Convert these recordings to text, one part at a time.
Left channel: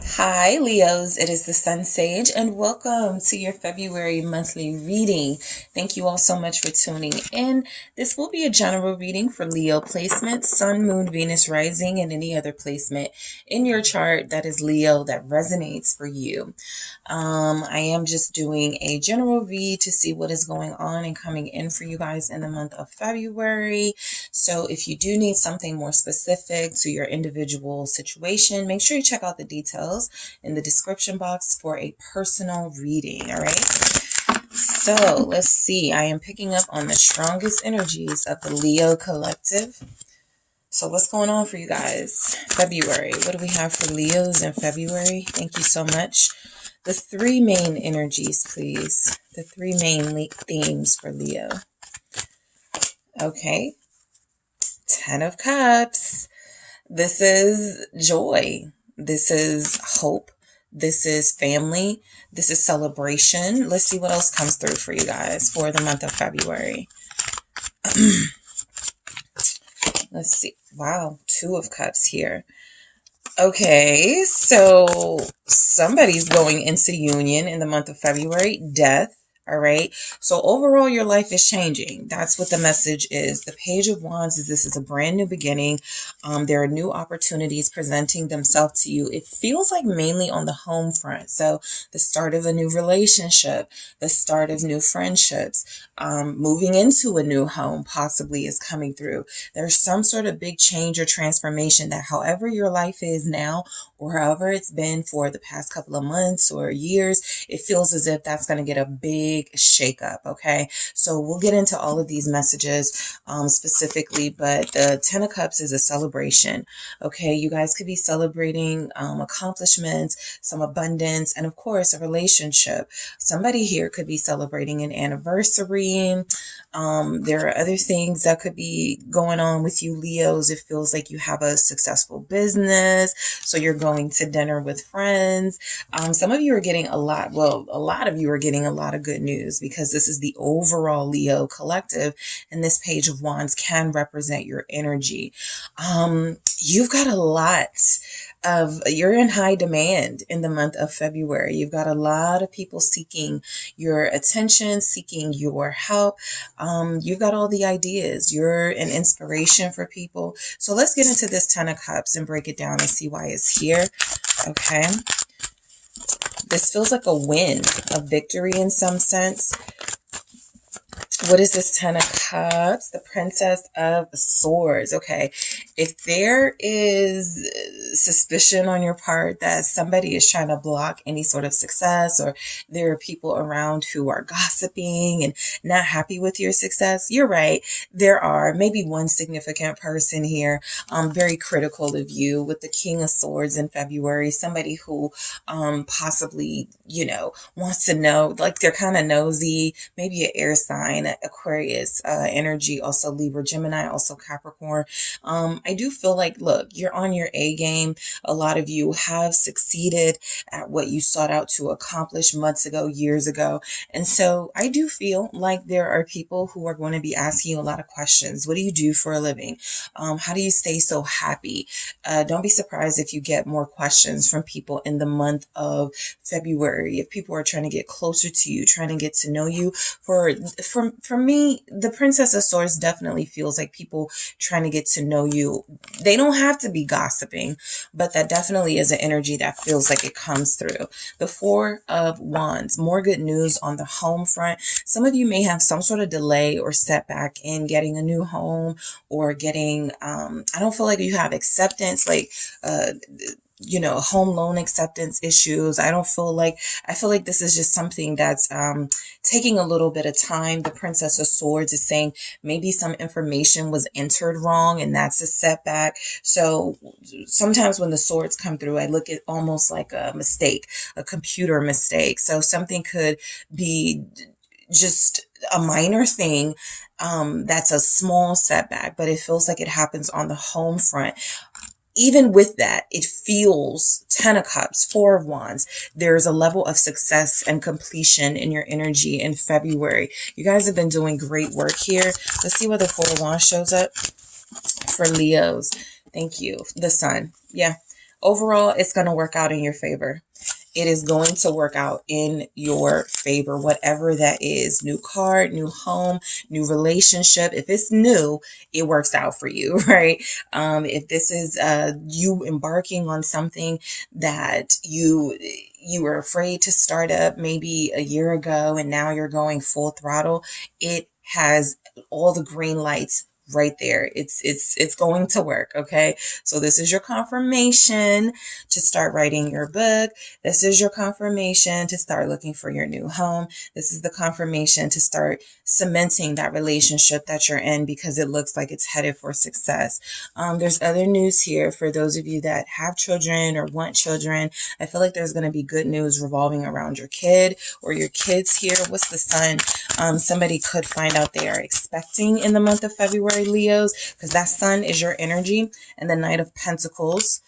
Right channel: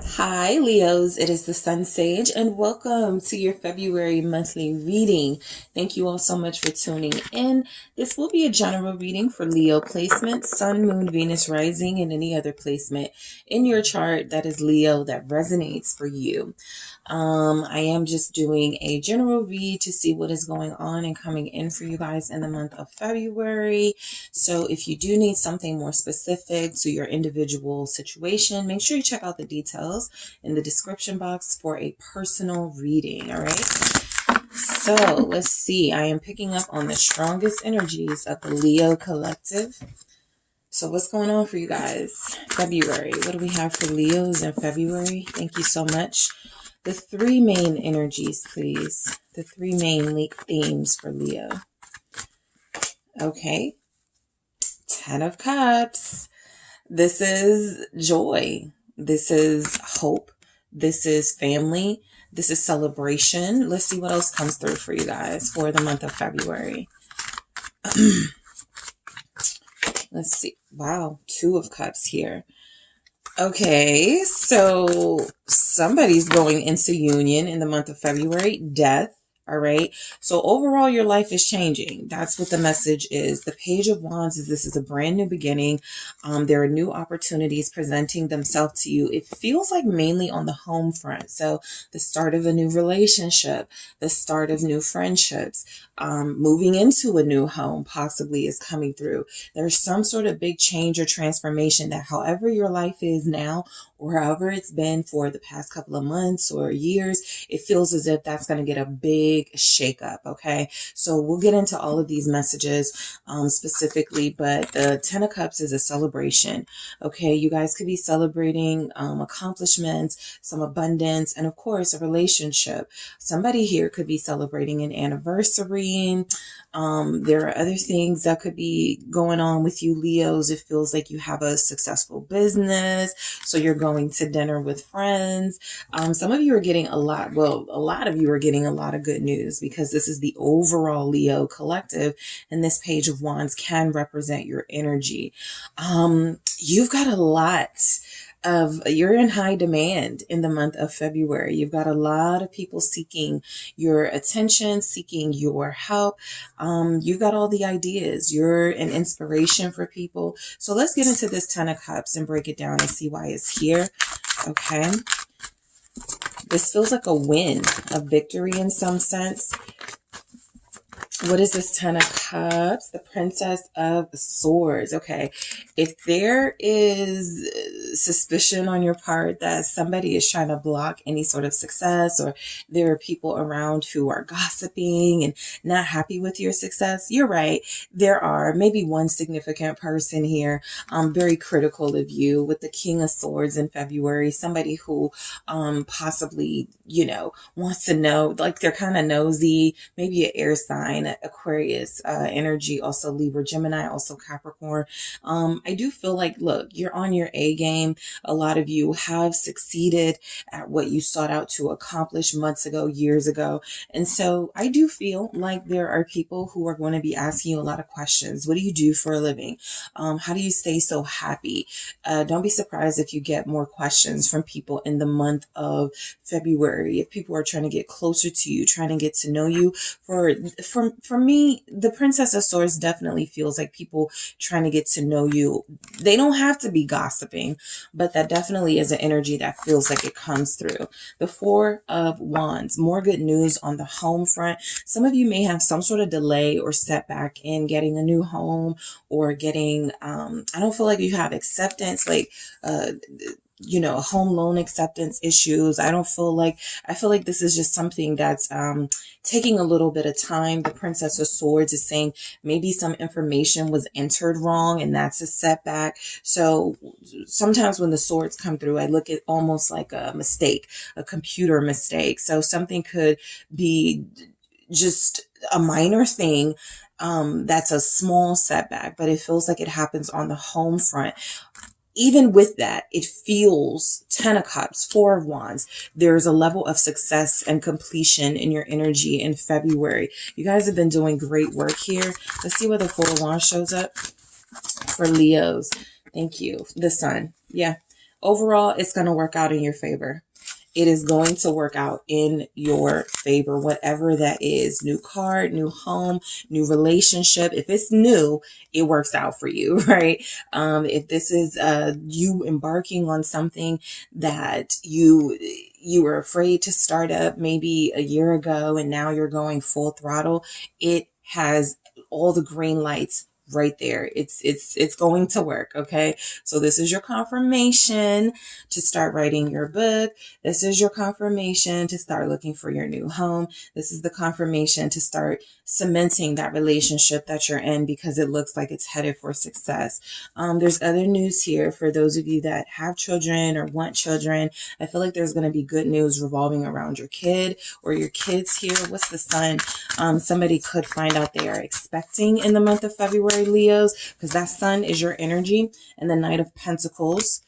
Hi, Leos. It is the SunSage, and welcome to your February monthly reading. Thank you all so much for tuning in. This will be a general reading for Leo placement, Sun, Moon, Venus, Rising, and any other placement in your chart that is Leo that resonates for you. I am just doing a general read to see what is going on and coming in for you guys in the month of February. So if you do need something more specific to your individual situation, make sure you check out the details in the description box for a personal reading. All right. So let's see. I am picking up on the strongest energies of the Leo collective. So what's going on for you guys? February. What do we have for Leos in February? Thank you so much. The three main energies, please. The three main themes for Leo. Okay. 10 of Cups. This is joy. This is hope. This is family. This is celebration. Let's see what else comes through for you guys for the month of February. Let's see. Wow. 2 of Cups here. Okay, so somebody's going into union in the month of February. Death. All right. So overall, your life is changing. That's what the message is. The Page of Wands is this is a brand new beginning. There are new opportunities presenting themselves to you. It feels like mainly on the home front. So the start of a new relationship, the start of new friendships, moving into a new home possibly is coming through. There's some sort of big change or transformation that however your life is now or however it's been for the past couple of months or years, it feels as if that's going to get a big shakeup. Okay. So we'll get into all of these messages specifically, but the 10 of Cups is a celebration. Okay. You guys could be celebrating accomplishments, some abundance, and of course, a relationship. Somebody here could be celebrating an anniversary. There are other things that could be going on with you, Leos. It feels like you have a successful business. So you're going to dinner with friends. Some of you are getting a lot of you are getting a lot of good news because this is the overall Leo collective. And this Page of Wands can represent your energy. You've got a lot you're in high demand in the month of February. You've got a lot of people seeking your attention, seeking your help. You've got all the ideas. You're an inspiration for people. So let's get into this 10 of Cups and break it down and see why it's here. Okay. This feels like a win, a victory in some sense. What is this 10 of Cups? The Princess of Swords. Okay. If there is suspicion on your part that somebody is trying to block any sort of success or there are people around who are gossiping and not happy with your success, you're right. There are maybe one significant person here very critical of you with the King of Swords in February. Somebody who possibly, wants to know, like they're kind of nosy, maybe an air sign, Aquarius energy, also Libra, Gemini, also Capricorn. I do feel like, look, you're on your A game. A lot of you have succeeded at what you sought out to accomplish months ago, years ago. And so I do feel like there are people who are going to be asking you a lot of questions. What do you do for a living? How do you stay so happy? Don't be surprised if you get more questions from people in the month of February. If people are trying to get closer to you, trying to get to know you. For me, the Princess of Swords definitely feels like people trying to get to know you. They don't have to be gossiping, but that definitely is an energy that feels like it comes through. The Four of Wands, more good news on the home front. Some of you may have some sort of delay or setback in getting a new home or getting, I don't feel like you have acceptance, like, home loan acceptance issues. I feel like this is just something that's taking a little bit of time. The Princess of Swords is saying maybe some information was entered wrong and that's a setback. So sometimes when the swords come through, I look at almost like a mistake, a computer mistake. So something could be just a minor thing that's a small setback, but it feels like it happens on the home front. Even with that, it feels 10 of Cups, 4 of Wands. There's a level of success and completion in your energy in February. You guys have been doing great work here. Let's see where the 4 of Wands shows up for Leos. Thank you. The Sun. Yeah. Overall, it's going to work out in your favor. It is going to work out in your favor, whatever that is. New car, new home, new relationship. If it's new, it works out for you, right? If this is you embarking on something that you were afraid to start up maybe a year ago and now you're going full throttle, it has all the green lights right there. It's going to work. Okay. So this is your confirmation to start writing your book. This is your confirmation to start looking for your new home. This is the confirmation to start cementing that relationship that you're in because it looks like it's headed for success. There's other news here for those of you that have children or want children. I feel like there's going to be good news revolving around your kid or your kids here. What's the sun? Somebody could find out they are expecting in the month of February, Leos, because that sun is your energy, and the Knight of Pentacles.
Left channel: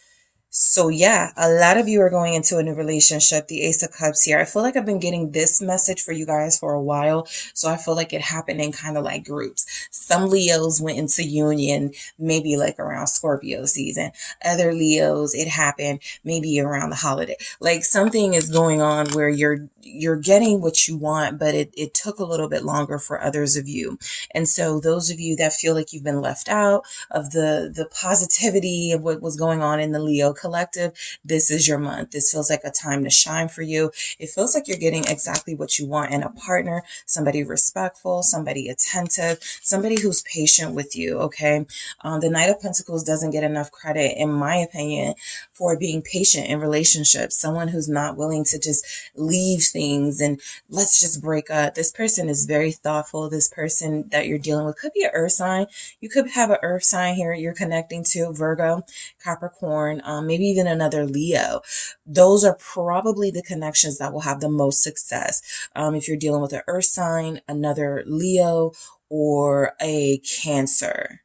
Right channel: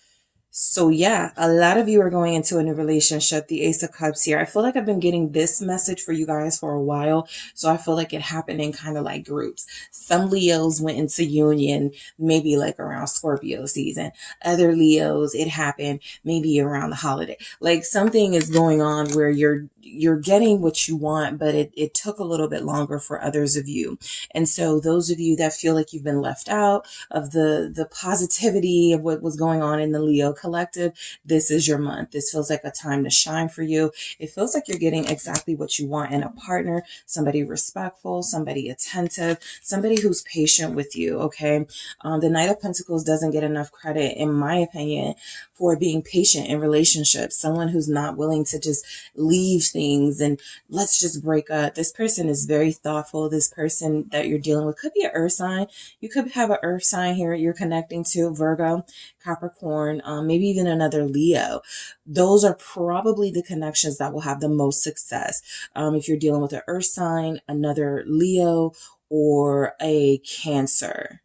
So yeah, a lot of you are going into a new relationship. The Ace of Cups here. I feel like I've been getting this message for you guys for a while. So I feel like it happened in kind of like groups. Some Leos went into union maybe like around Scorpio season. Other Leos, it happened maybe around the holiday. Like something is going on where you're getting what you want, but it took a little bit longer for others of you. And so those of you that feel like you've been left out of the positivity of what was going on in the Leo collective, this is your month. This feels like a time to shine for you. It feels like you're getting exactly what you want in a partner, somebody respectful, somebody attentive, somebody who's patient with you, okay? The Knight of Pentacles doesn't get enough credit, in my opinion, for being patient in relationships. Someone who's not willing to just leave things and let's just break up. This person is very thoughtful. This person that you're dealing with could be an earth sign. You could have an earth sign here you're connecting to, Virgo, Capricorn, maybe even another Leo. Those are probably the connections that will have the most success. If you're dealing with an earth sign, another Leo, or a Cancer.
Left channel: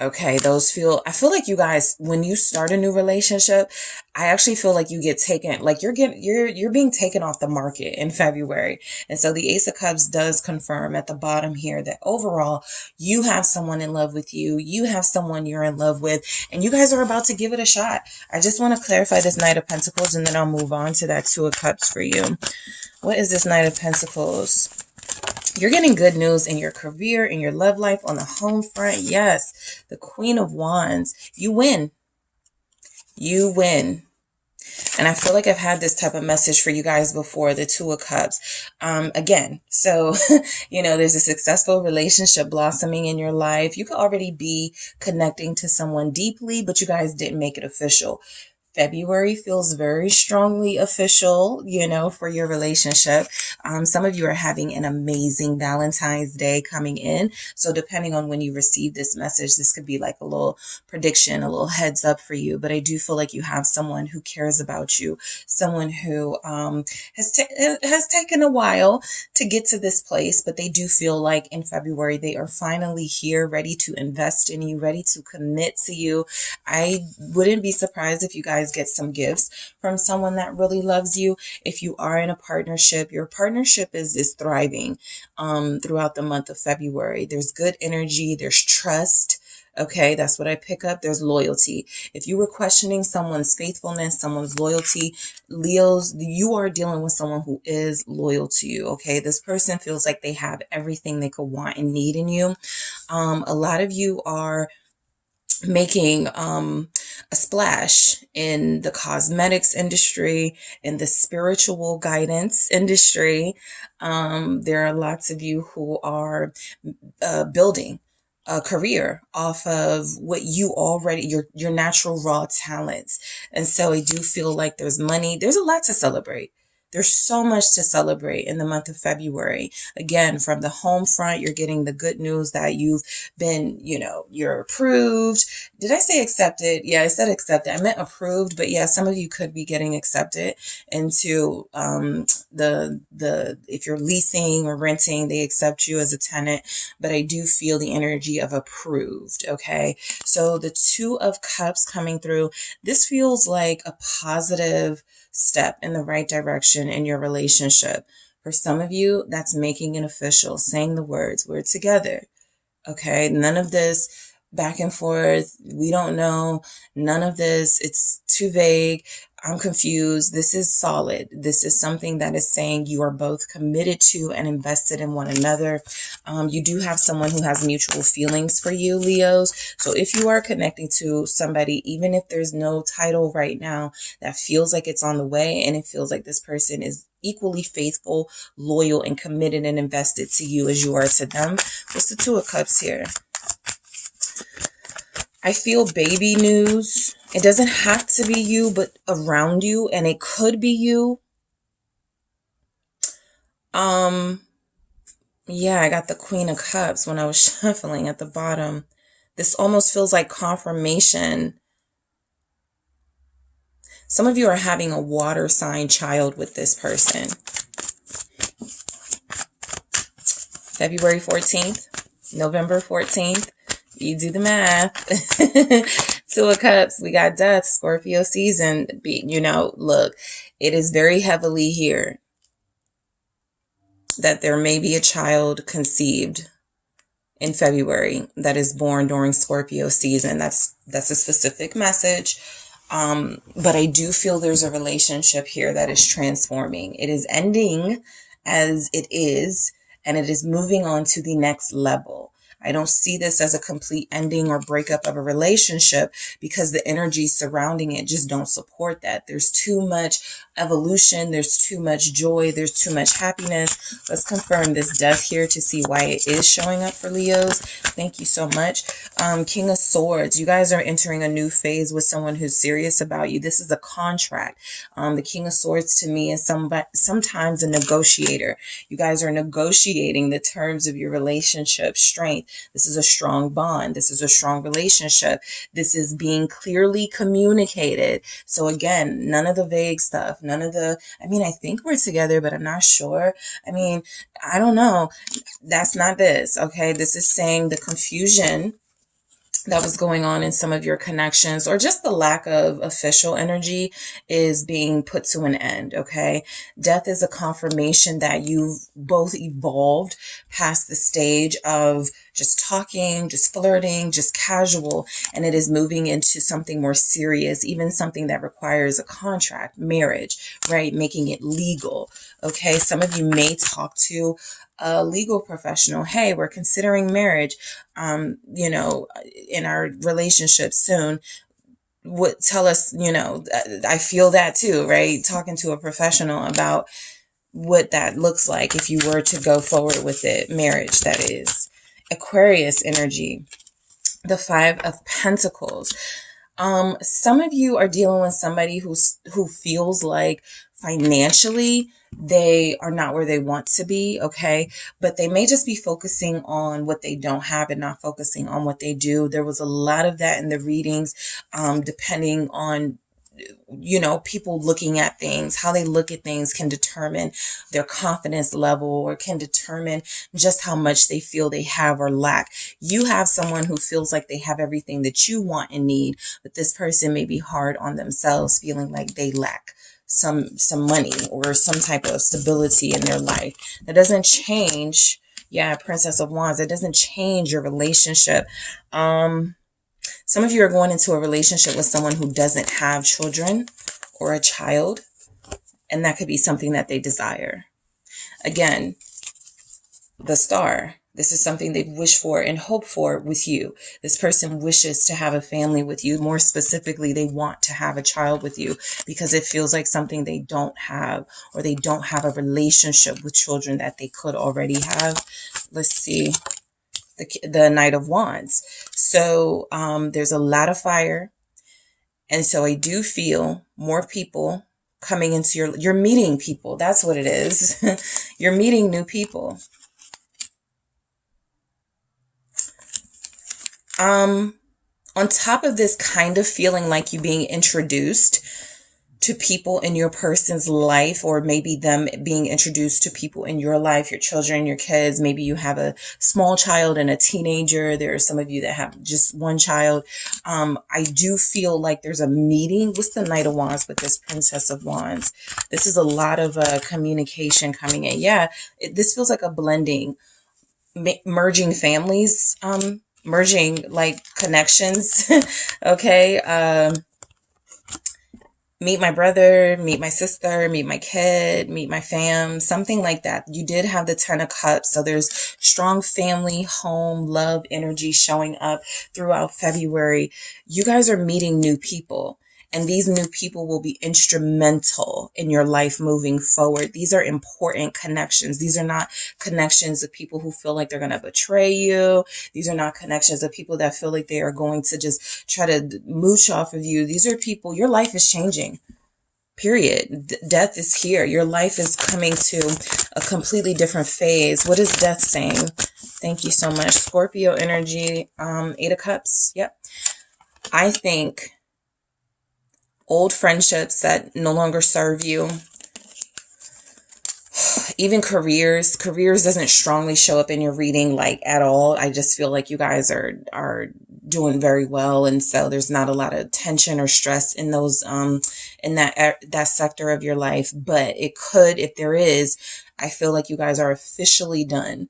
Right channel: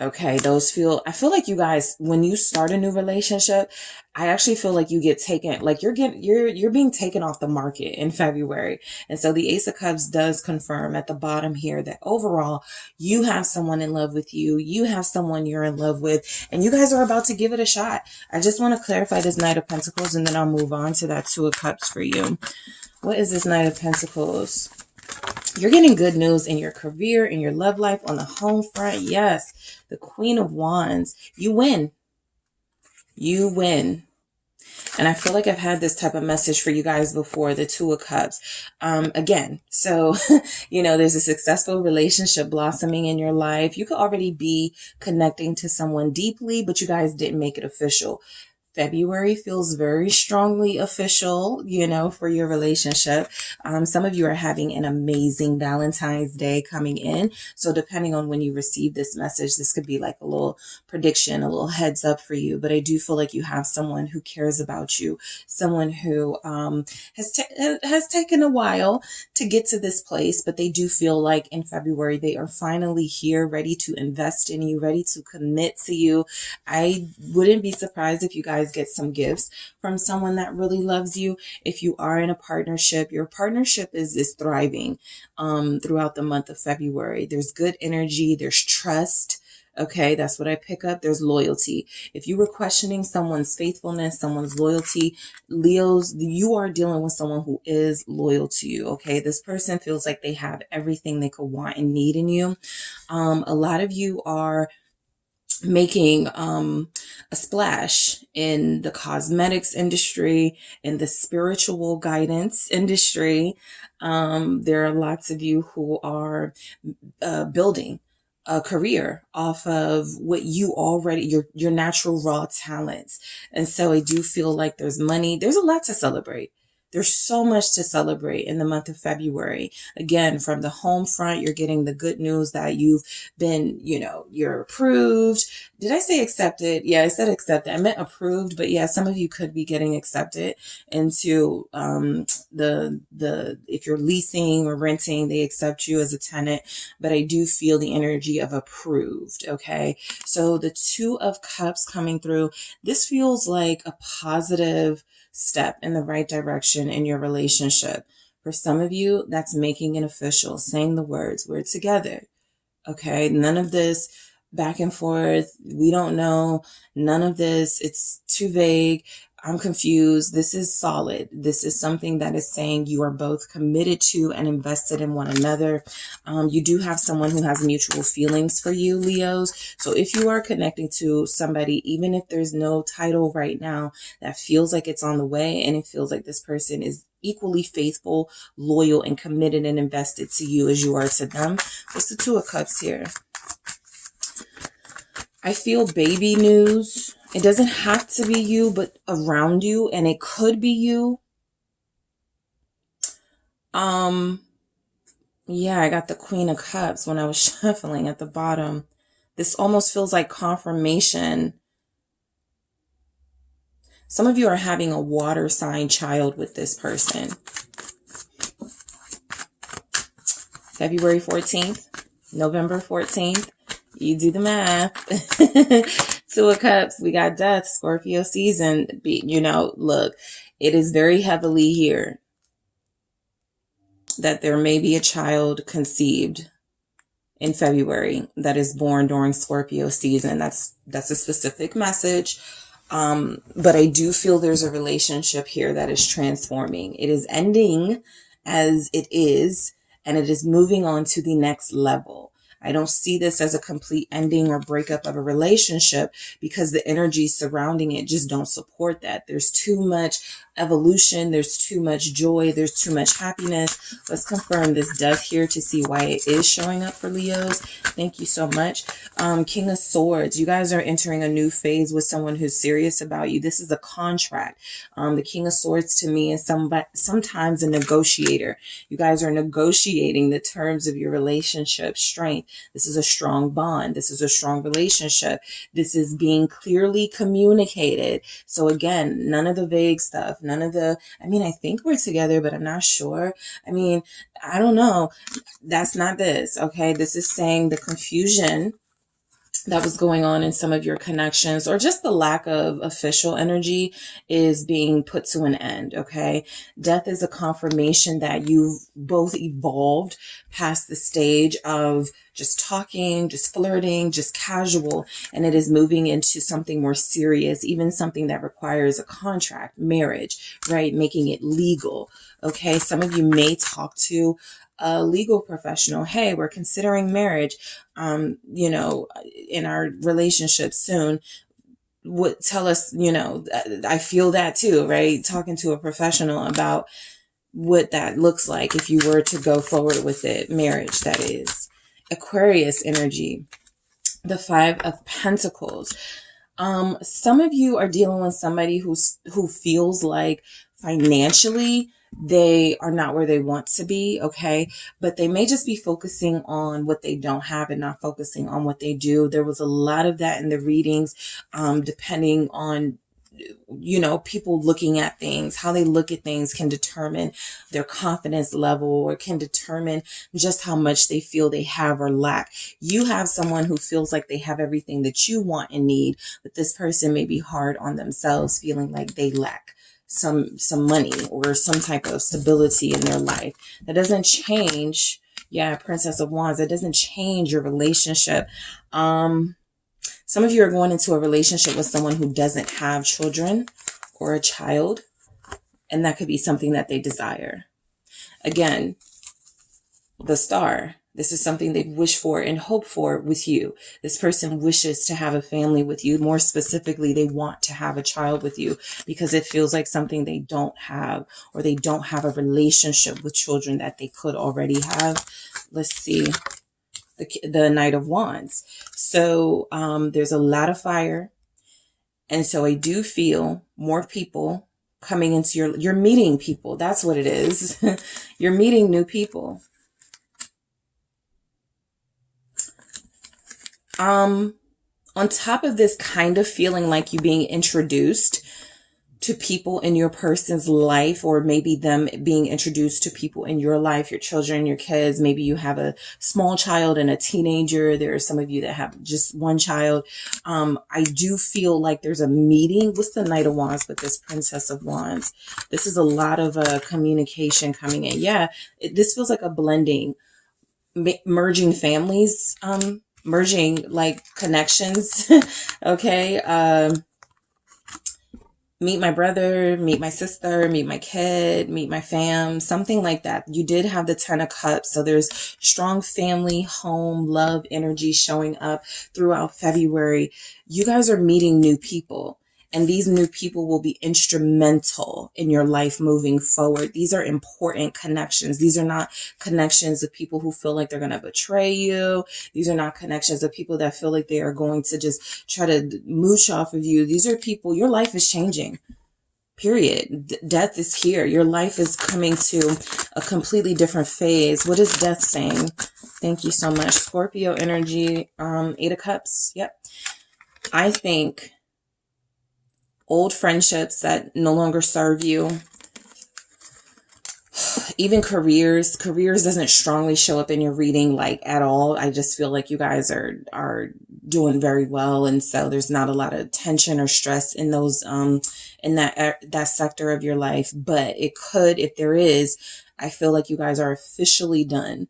Okay, I feel like you guys, when you start a new relationship, I actually feel like you get taken, like you're being taken off the market in February. And so the Ace of Cups does confirm at the bottom here that overall you have someone in love with you. You have someone you're in love with, and you guys are about to give it a shot. I just want to clarify this Knight of Pentacles and then I'll move on to that Two of Cups for you. What is this Knight of Pentacles? You're getting good news in your career, in your love life, on the home front. Yes, the Queen of Wands. You win. You win. And I feel like I've had this type of message for you guys before, the Two of Cups. Again, so, there's a successful relationship blossoming in your life. You could already be connecting to someone deeply, but you guys didn't make it official. February feels very strongly official, for your relationship. Some of you are having an amazing Valentine's Day coming in. So depending on when you receive this message, this could be like a little prediction, a little heads up for you. But I do feel like you have someone who cares about you, someone who has taken a while to get to this place, but they do feel like in February, they are finally here, ready to invest in you, ready to commit to you. I wouldn't be surprised if you guys get some gifts from someone that really loves you. If you are in a partnership, your partnership is thriving throughout the month of February. There's good energy, there's trust. Okay, that's what I pick up. There's loyalty. If you were questioning someone's faithfulness, someone's loyalty, Leos, you are dealing with someone who is loyal to you. Okay, this person feels like they have everything they could want and need in you. A lot of you are making a splash in the cosmetics industry, in the spiritual guidance industry. There are lots of you who are building a career off of what you already, your natural raw talents. And so I do feel like there's money. There's a lot to celebrate. There's so much to celebrate in the month of February. Again, from the home front, you're getting the good news that you've been, you're approved. Did I say accepted? Yeah, I said accepted. I meant approved, but yeah, some of you could be getting accepted into if you're leasing or renting, they accept you as a tenant, but I do feel the energy of approved, okay? So the Two of Cups coming through, this feels like a positive step in the right direction in your relationship. For some of you, that's making it official, saying the words, we're together. Okay, none of this, back and forth. We don't know. None of this. It's too vague. I'm confused. This is solid. This is something that is saying you are both committed to and invested in one another. You do have someone who has mutual feelings for you, Leos. So if you are connecting to somebody, even if there's no title right now, that feels like it's on the way, and it feels like this person is equally faithful, loyal, and committed and invested to you as you are to them. What's the Two of Cups here? I feel baby news. It doesn't have to be you, but around you, and it could be you. Yeah, I got the Queen of Cups when I was shuffling at the bottom. This almost feels like confirmation. Some of you are having a water sign child with this person. February 14th, November 14th. You do the math. Two of Cups, we got death, Scorpio season. You know, look, it is very heavily here that there may be a child conceived in February that is born during Scorpio season. That's a specific message. But I do feel there's a relationship here that is transforming. It is ending as it is, and it is moving on to the next level. I don't see this as a complete ending or breakup of a relationship because the energies surrounding it just don't support that. There's too much evolution. There's too much joy. There's too much happiness. Let's confirm this death here to see why it is showing up for Leos. Thank you so much. King of Swords. You guys are entering a new phase with someone who's serious about you. This is a contract. The King of Swords to me is sometimes a negotiator. You guys are negotiating the terms of your relationship. Strength. This is a strong bond. This is a strong relationship. This is being clearly communicated. So again, none of the vague stuff, none of the, I think we're together, but I'm not sure. I don't know. That's not this. Okay. This is saying the confusion that was going on in some of your connections, or just the lack of official energy, is being put to an end. Okay. Death is a confirmation that you've both evolved past the stage of just talking, just flirting, just casual, and it is moving into something more serious, even something that requires a contract, marriage, right? Making it legal. Okay. Some of you may talk to a legal professional. Hey, we're considering marriage, in our relationship soon. What tell us, I feel that too, right? Talking to a professional about what that looks like if you were to go forward with it, marriage, that is. Aquarius energy, the Five of Pentacles. Some of you are dealing with somebody who feels like financially they are not where they want to be, okay? But they may just be focusing on what they don't have and not focusing on what they do. There was a lot of that in the readings, depending on people looking at things. How they look at things can determine their confidence level, or can determine just how much they feel they have or lack. You have someone who feels like they have everything that you want and need, but this person may be hard on themselves, feeling like they lack some money or some type of stability in their life. That doesn't change. Yeah, Princess of Wands. It doesn't change your relationship. Some of you are going into a relationship with someone who doesn't have children or a child, and that could be something that they desire. Again, the Star. This is something they've wished for and hoped for with you. This person wishes to have a family with you. More specifically, they want to have a child with you because it feels like something they don't have, or they don't have a relationship with children that they could already have. Let's see. The Knight of Wands. So there's a lot of fire. And so I do feel more people coming into you're meeting people. That's what it is. You're meeting new people. On top of this kind of feeling like you being introduced to people in your person's life, or maybe them being introduced to people in your life, your children, your kids. Maybe you have a small child and a teenager. There are some of you that have just one child. I do feel like there's a meeting. What's the Knight of Wands with this Princess of Wands? This is a lot of communication coming in. Yeah, this feels like a blending, merging families merging like connections. Okay. Meet my brother, meet my sister, meet my kid, meet my fam, something like that. You did have the 10 of Cups. So there's strong family, home, love energy showing up throughout February. You guys are meeting new people. And these new people will be instrumental in your life moving forward. These are important connections. These are not connections of people who feel like they're going to betray you. These are not connections of people that feel like they are going to just try to mooch off of you. These are people, your life is changing. Period. Death is here. Your life is coming to a completely different phase. What is death saying? Thank you so much. Scorpio energy, 8 of Cups. Yep. I think old friendships that no longer serve you, even careers doesn't strongly show up in your reading like at all. I just feel like you guys are doing very well, and so there's not a lot of tension or stress in those in that sector of your life. But it could, if there is, I feel like you guys are officially done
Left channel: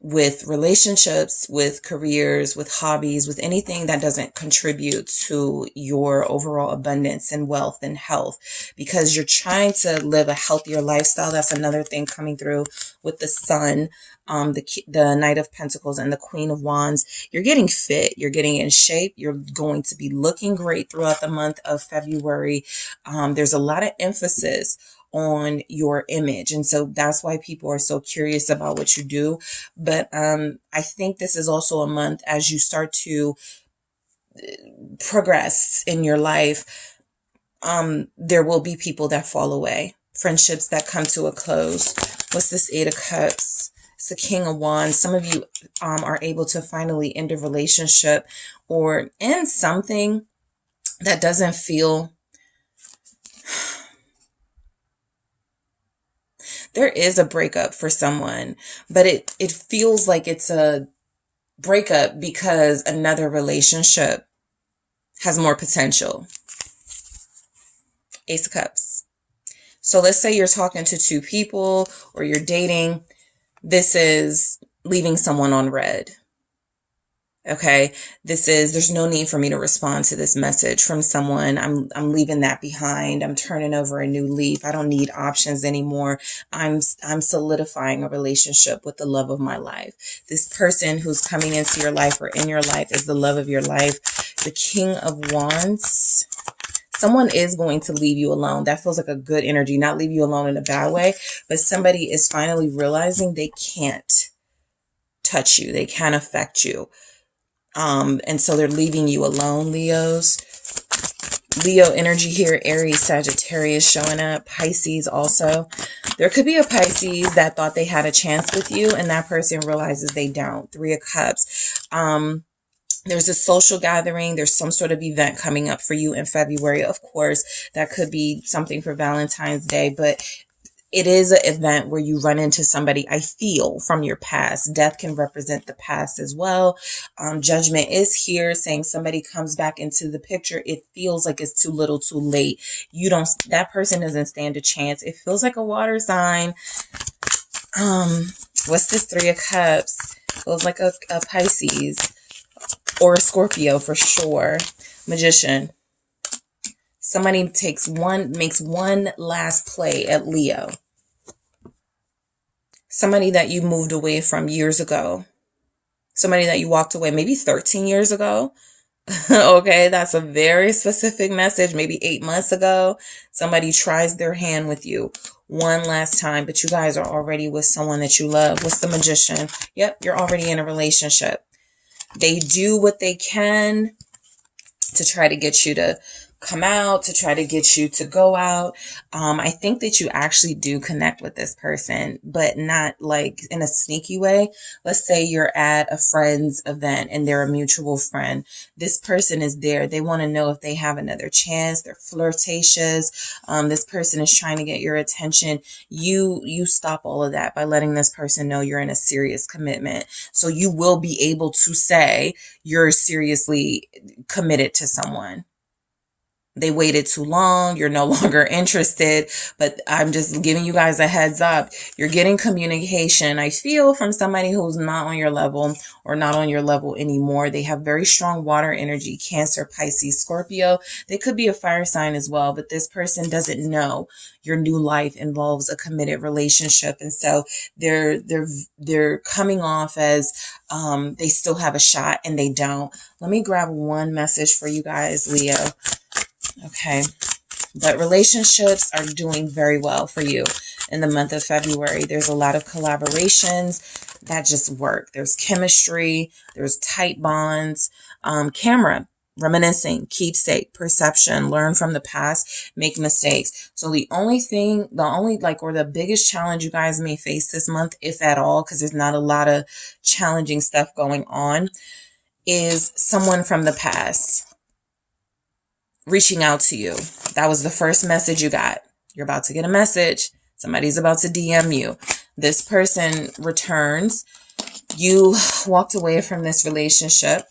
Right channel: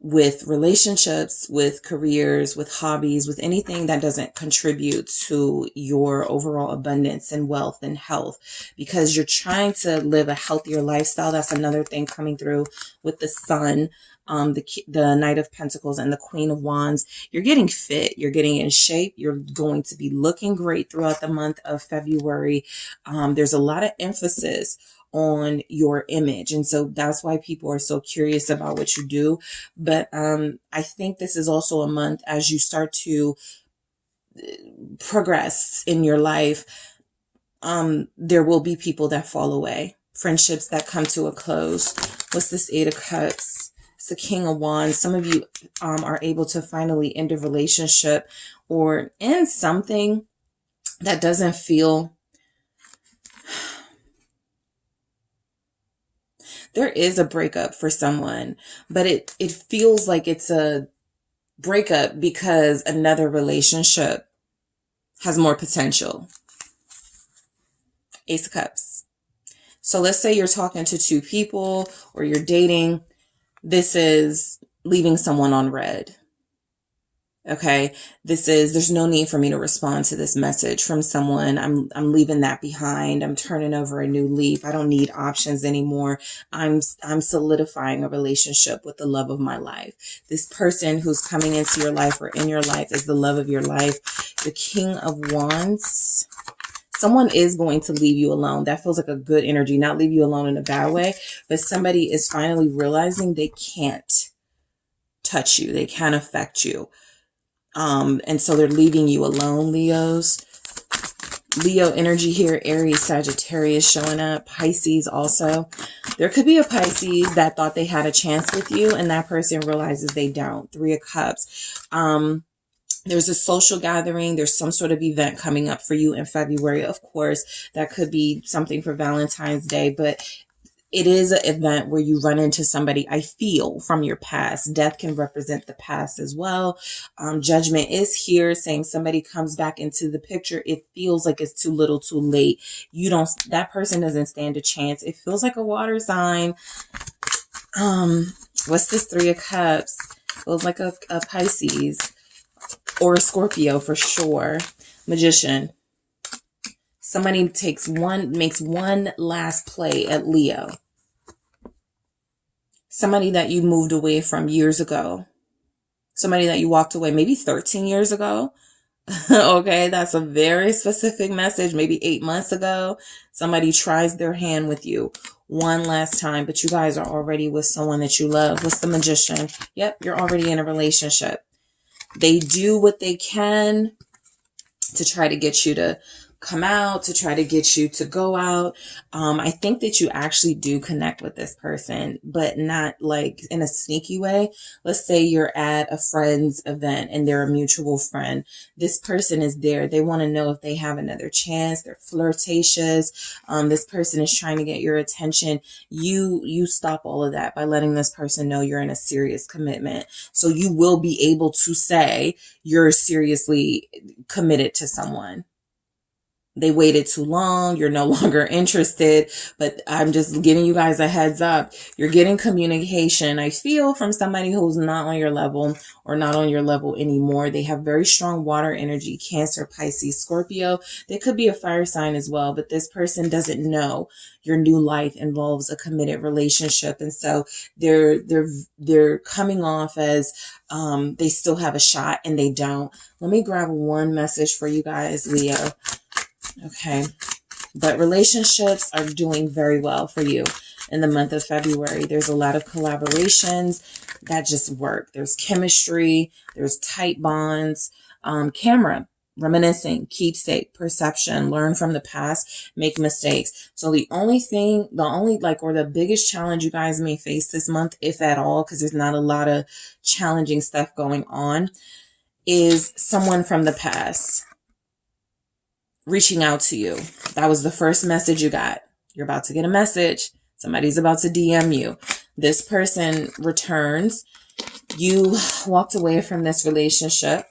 with relationships, with careers, with hobbies, with anything that doesn't contribute to your overall abundance and wealth and health, because you're trying to live a healthier lifestyle. That's another thing coming through with the Sun, the Knight of Pentacles and the Queen of Wands. You're getting fit. You're getting in shape. You're going to be looking great throughout the month of February. There's a lot of emphasis on your image. And so that's why people are so curious about what you do. But I think this is also a month as you start to progress in your life. There will be people that fall away, friendships that come to a close. What's this 8 of Cups? It's the King of Wands. Some of you are able to finally end a relationship or end something that doesn't feel... There is a breakup for someone, but it feels like it's a breakup because another relationship has more potential. Ace of Cups. So let's say you're talking to two people or you're dating. This is leaving someone on red. Okay, there's no need for me to respond to this message from someone. I'm leaving that behind. I'm turning over a new leaf. I don't need options anymore. I'm solidifying a relationship with the love of my life. This person who's coming into your life or in your life is the love of your life. The King of Wands. Someone is going to leave you alone. That feels like a good energy, not leave you alone in a bad way, but somebody is finally realizing they can't touch you. They can't affect you. And so they're leaving you alone, Leos. Leo energy here, Aries, Sagittarius showing up, Pisces also. There could be a Pisces that thought they had a chance with you and that person realizes they don't. 3 of Cups. There's a social gathering. There's some sort of event coming up for you in February. Of course, that could be something for Valentine's Day, but it is an event where you run into somebody, I feel, from your past. Death can represent the past as well. Judgment is here, saying somebody comes back into the picture. It feels like it's too little too late. That person doesn't stand a chance. It feels like a water sign. What's this 3 of Cups? Feels like a Pisces or a Scorpio for sure. Magician. Somebody makes one last play at Leo. Somebody that you moved away from years ago. Somebody that you walked away maybe 13 years ago. Okay, that's a very specific message. Maybe 8 months ago. Somebody tries their hand with you one last time, but you guys are already with someone that you love. What's the Magician? Yep, you're already in a relationship. They do what they can to try to get you to come out, to try to get you to go out. I think that you actually do connect with this person, but not like in a sneaky way. Let's say you're at a friend's event and they're a mutual friend. This person is there. They want to know if they have another chance. They're flirtatious. This person is trying to get your attention. You stop all of that by letting this person know you're in a serious commitment. So you will be able to say you're seriously committed to someone. they waited too long, you're no longer interested, but I'm just giving you guys a heads up. You're getting communication, I feel, from somebody who's not on your level or not on your level anymore. They have very strong water energy, Cancer, Pisces, Scorpio. They could be a fire sign as well, but this person doesn't know your new life involves a committed relationship. And so they're coming off as they still have a shot, and they don't. Let me grab one message for you guys, Leo. Okay. But relationships are doing very well for you in the month of February. There's a lot of collaborations that just work. There's chemistry. There's tight bonds. Camera, reminiscing, keepsake, perception, learn from the past, make mistakes. So the biggest challenge you guys may face this month, if at all, because there's not a lot of challenging stuff going on, is someone from the past reaching out to you. That was the first message you got. You're about to get a message. Somebody's about to DM you. This person returns. You walked away from this relationship.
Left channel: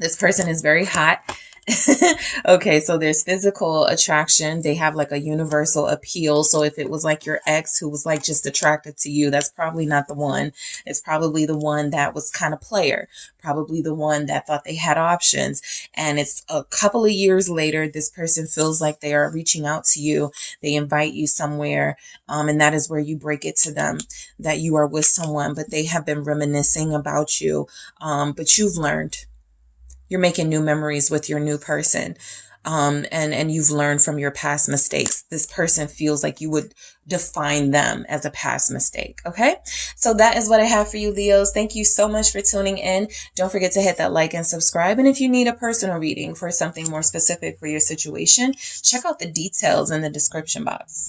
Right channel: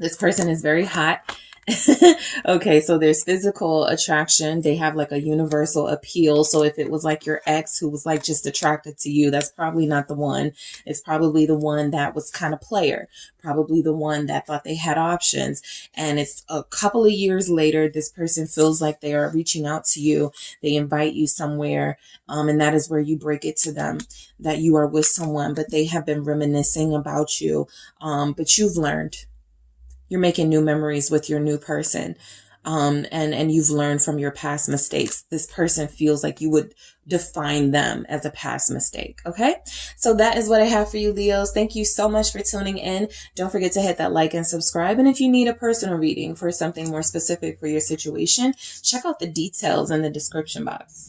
This person is very hot. Okay, so there's physical attraction. They have like a universal appeal. So if it was like your ex who was like just attracted to you, that's probably not the one. It's probably the one that was kind of player, probably the one that thought they had options. And it's a couple of years later, this person feels like they are reaching out to you. They invite you somewhere. And that is where you break it to them that you are with someone, but they have been reminiscing about you. But you've learned. You're making new memories with your new person. And you've learned from your past mistakes. This person feels like you would define them as a past mistake. Okay. So that is what I have for you, Leos. Thank you so much for tuning in. Don't forget to hit that like and subscribe. And if you need a personal reading for something more specific for your situation, check out the details in the description box.